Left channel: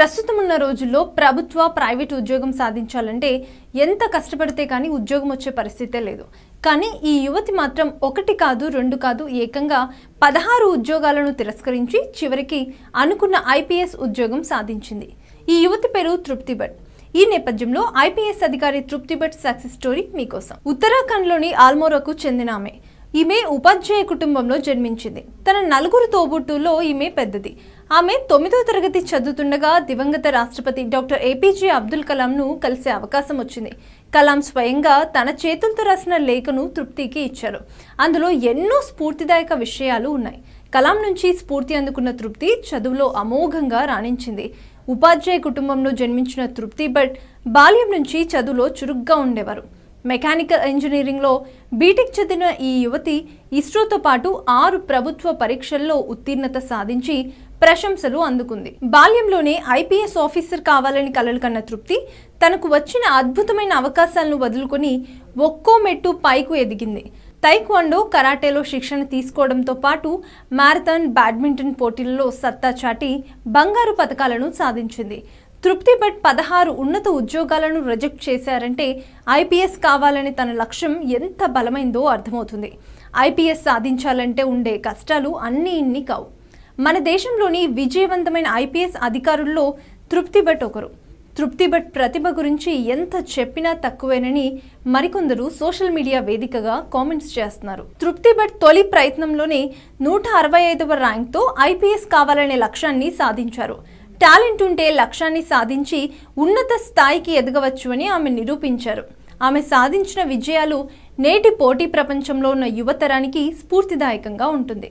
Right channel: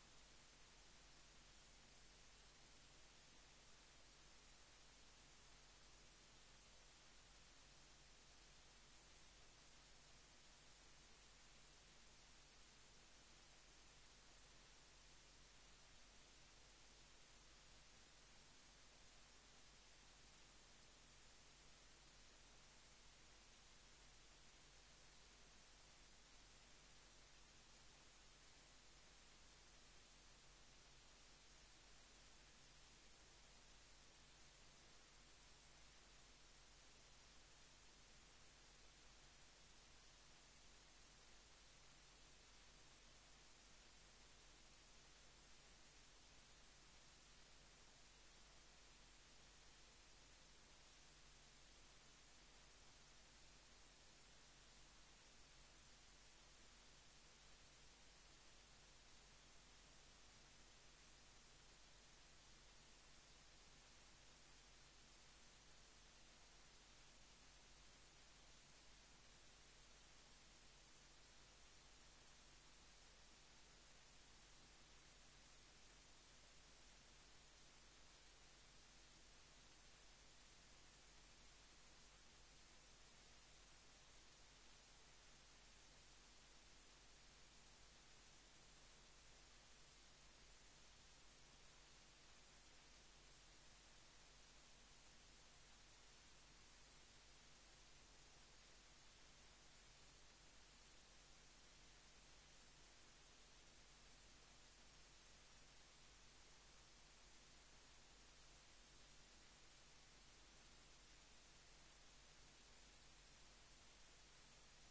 ప్రస్తుతం ఉన్న రోజుల్లో ప్రభుత్వ ప్రైవేట్ ఉద్యోగం సాధించాలంటే ఎంత కష్టపడితే కానీ ఉద్యోగం వచ్చే పరిస్థితే లేదు. కానీ ఈ యువతి మాత్రం ఒకటి కాదు రెండు కాదు ఏకంగా 16 ఉద్యోగాలను తిరస్కరించి చివరికి అనుకున్న ఐపీఎస్ ఉద్యోగం సాధించింది. ఈ యువతి పేరు తృప్తి భట్. ఈ నేపథ్యంలో ఐపీఎస్ అధికారి తృప్తి భట్ సక్సెస్ స్టోరీ మీకోసం. ఉత్తరాఖండ్లోని ఆల్మోరాకు చెందిన ఈమె ఉపాధ్యాయ కుటుంబంలో జన్మించింది. తన 4 తోబుట్టుల్లో ఈమె పెద్దది. ఆమె 9వ తరగతి చదువుతుండగా దివంగత రాష్ట్రపతి డాక్టర్ ఏపీజే అబ్దుల్ కలాంను కలిసే అవకాశం వచ్చింది. కలాం స్వయంగా తన చేతులతో రాసిన లేఖను తృప్తికి ఇచ్చారు. అందులో ఎన్నో స్ఫూర్తిదాయక విషయాలు ఉన్నాయి. కలాం నుంచి స్ఫూర్తి అందుకున్న తృప్తి చదువులో అమోఘంగా రాణించింది. ఉపాధ్యాయ కుటుంబంలో జన్మించిన తృప్తి భట్ బాల్యం నుంచి చదువులో చురుగ్గా ఉండేవారు. మెకానికల్ ఇంజనీరింగ్లో బీటెక్ చదివిన ఈ యువతి ఇస్రోతో పాటు 6 ప్రభుత్వ పరీక్షల్లో ఉత్తీర్ణత సాధించి ప్రశంసలు అందుకుంది. బాల్యంలోనే ఐపీఎస్ ఆఫీసర్ కావాలని కలలు కన్న తృప్తి తనకు వచ్చిన అద్భుతమైన అవకాశాలను వదులుకొని ఒక్కో మెట్టు పైకు ఎదిగింది. తైక్వాండో, కరాటేలో శిక్షణ తీసుకోవడంతో పాటు మ్యారథాన్, బ్యాడ్మింటన్ పోటీలలో సత్తా చాటి బంగారు పతకాలను సాధించింది. తృప్తి భట్ 16 ఉన్నత ఉద్యోగాలను రిజెక్ట్ చేశారంటే ఐపీఎస్ కావాలని తన లక్ష్యం ఎంత బలమైందో అర్థమవుతుంది. ఐపీఎస్ సాధించాలంటే ఉండే కష్టాలు అన్నీ ఇన్ని కావు. మన దేశంలోని విజయవంతమైన ఐపీఎస్ అధికారుల్లో తృప్తి భట్ ఒకరు. తృప్తి భట్ ప్రతిభ గురించి ఎంత చెప్పినా తక్కువేనని మరికొందరు సోషల్ మీడియా వేదికగా కామెంట్స్ చేస్తున్నారు. తృప్తి భట్ తొలి ప్రయత్నంలోనే 165వ ర్యాంక్తో ఐపీఎస్ కావాలనే లక్ష్యాన్ని సాధించారు. టాలెంట్ ఉంటే లక్ష్యాన్ని సాధించి ఉన్నత స్థాయికి ఎదగవచ్చు అని ఆమె నిరూపించారు. ఆమె సాధించిన విజయాలు నేటి పోటీ ప్రపంచంలో ఉన్న యువతరానికి స్ఫూర్తిదాయకంగా ఉంటుంది.